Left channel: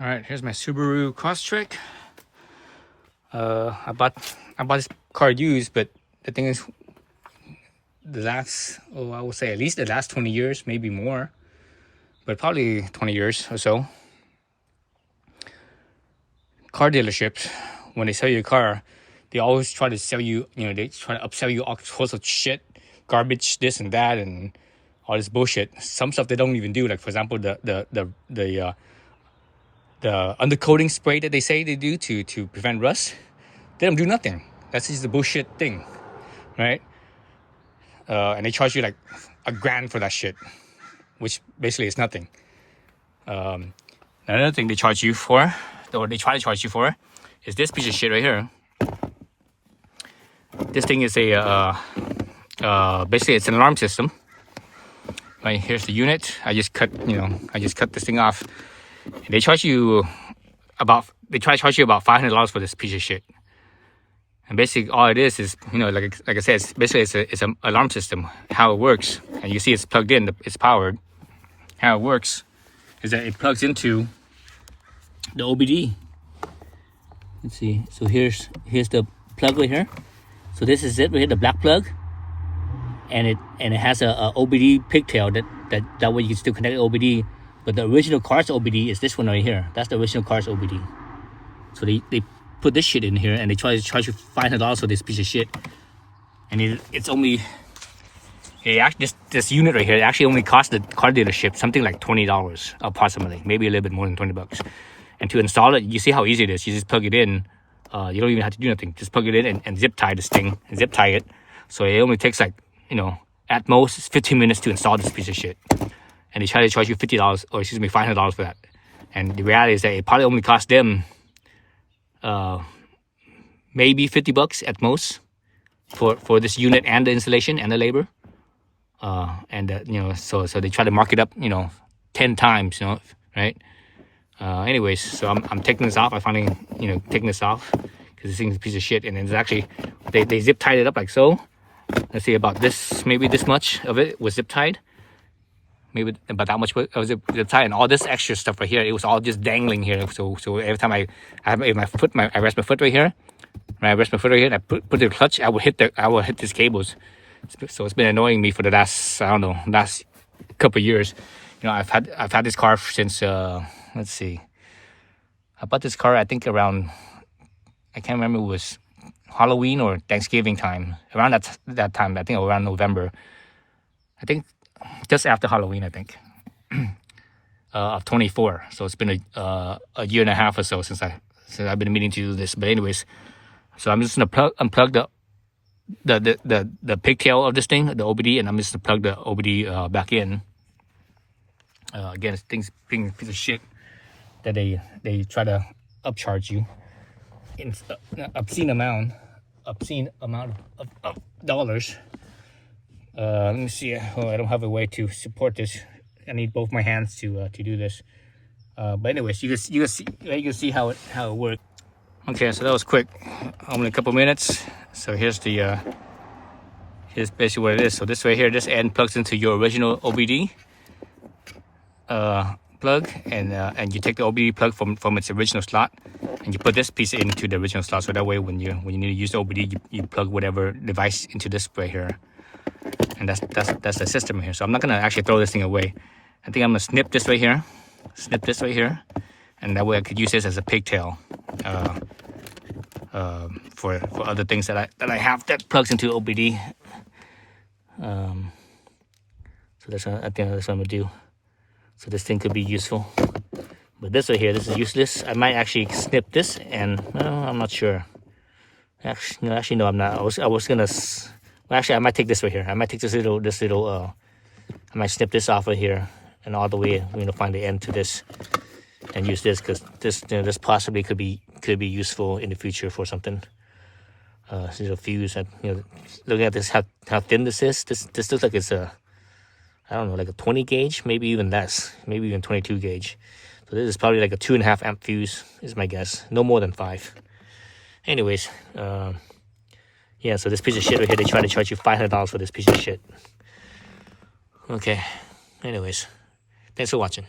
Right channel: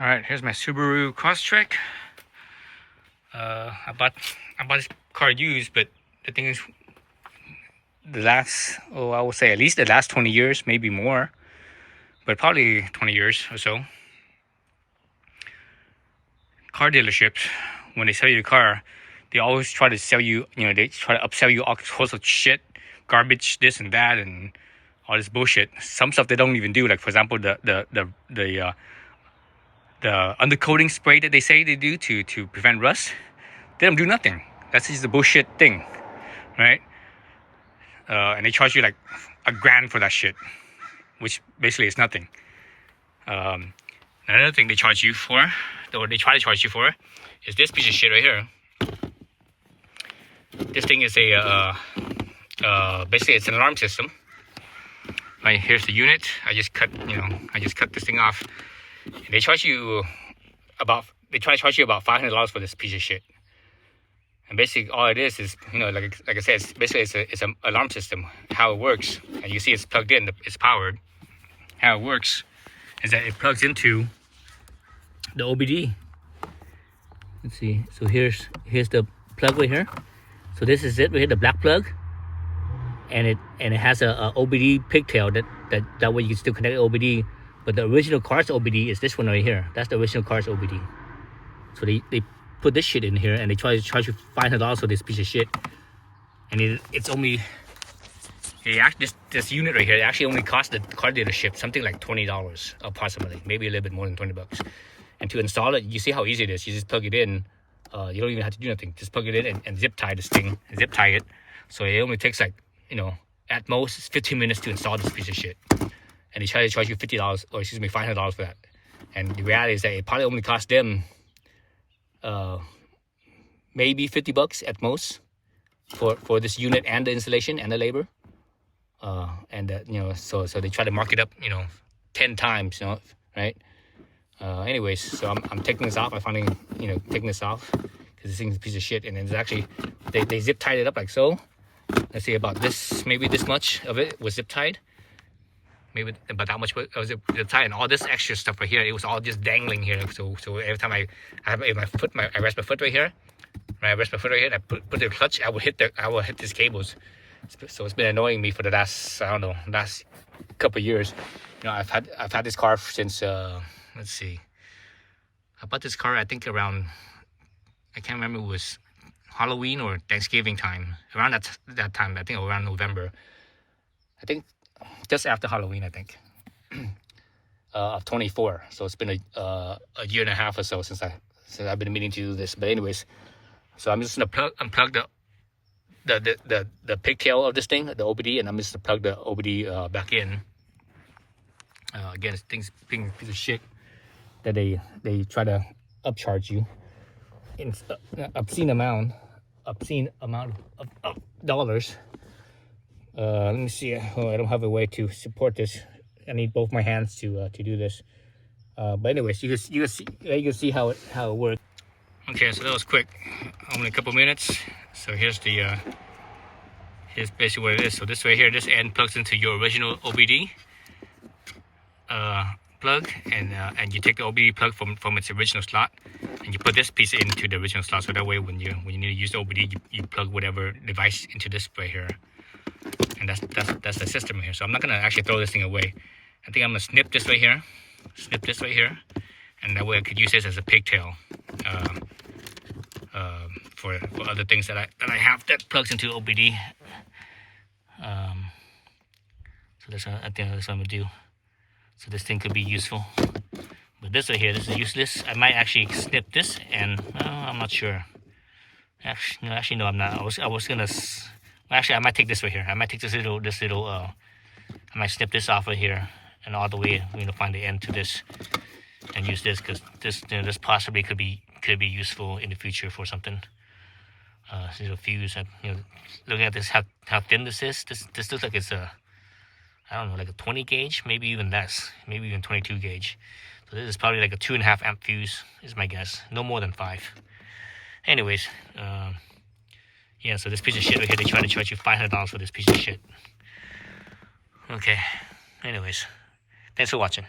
All right, here's my Subaru Crosstrek. I bought this car used, but the thing is, the last, I would say at least the last 20 years, maybe more, but probably 20 years or so. Car dealerships, when they sell you a car, they always try to sell you, they try to upsell you all sorts of shit, garbage, this and that, and all this bullshit. Some stuff they don't even do, like for example, the undercoating spray that they say they do to prevent rust. They don't do nothing. That's just a bullshit thing, right? And they charge you like $1,000 for that shit, which basically is nothing. Another thing they charge you for, or they try to charge you for, is this piece of shit right here. This thing is basically it's an alarm system. Right, here's the unit. I just cut this thing off. They try to charge you about $500 for this piece of shit. And basically all it is like I said, it's an alarm system. How it works, and you see it's plugged in, it's powered. How it works is that it plugs into the OBD. Let's see. So here's the plug right here. So this is it right here, the black plug. And it has a OBD pigtail that way you can still connect the OBD. But the original car's OBD is this one right here. That's the original car's OBD. So they put this shit in here and they try to charge you $500 for this piece of shit. And it's only, this unit right here, it actually only cost the car dealership something like $20 approximately, maybe a little bit more than $20. And to install it, you see how easy it is. You just plug it in. You don't even have to do nothing. Just plug it in and zip tie this thing, zip tie it. So it only takes like, at most it's 15 minutes to install this piece of shit. And they try to charge you $500 for that. And the reality is that it probably only cost them maybe $50 at most for this unit and the installation and the labor. So they try to mark it up 10 times, right? Anyways, so I'm taking this off. I finally taking this off because this thing's a piece of shit. And it's actually they zip tied it up like so. Let's see, about this, maybe this much of it was zip tied. Maybe about that much was zip tied, and all this extra stuff right here, it was all just dangling here. So every time I rest my foot right here. When I rest my foot right here, and I put the clutch, I will hit these cables. So it's been annoying me for the last couple of years. I've had this car since let's see, I bought this car I think around, I can't remember, it was Halloween or Thanksgiving time, around that time, I think around November, I think just after Halloween, I think, of 24. So it's been a year and a half or so since I've been meaning to do this. But anyways, so I'm just gonna unplug the pigtail of this thing, the OBD, and I'm just gonna plug the OBD back in. Again, it's things being piece of shit that they try to upcharge you in obscene amount of dollars. Let me see. I don't have a way to support this. I need both my hands to do this. But anyways, you can see how it works. Okay, so that was quick. Only a couple minutes. So here's basically what it is. So this right here, this end plugs into your original OBD plug, and you take the OBD plug from its original slot, and you put this piece into the original slot. So that way, when you need to use the OBD, you plug whatever device into this right here. And that's the system here. So I'm not gonna actually throw this thing away. I think I'm gonna snip this right here, and that way I could use this as a pigtail for other things that I have that plugs into OBD. So I think that's what I'm gonna do. So this thing could be useful. But this right here, this is useless. I might actually snip this, and I'm not sure. Actually, no, I'm not. I was gonna. Well, actually, I might take this right here. I might take this little. I might snip this off of here and all the way, find the end to this, and use this, because this possibly could be useful in the future for something. This is a fuse. Looking at this, how thin this is. This looks like it's I don't know, like a 20 gauge, maybe even less, maybe even 22 gauge. So this is probably like a 2.5 amp fuse, is my guess. No more than 5. Anyways, yeah, so this piece of shit right here, they try to charge you $500 for this piece of shit. Okay, anyways, thanks for watching.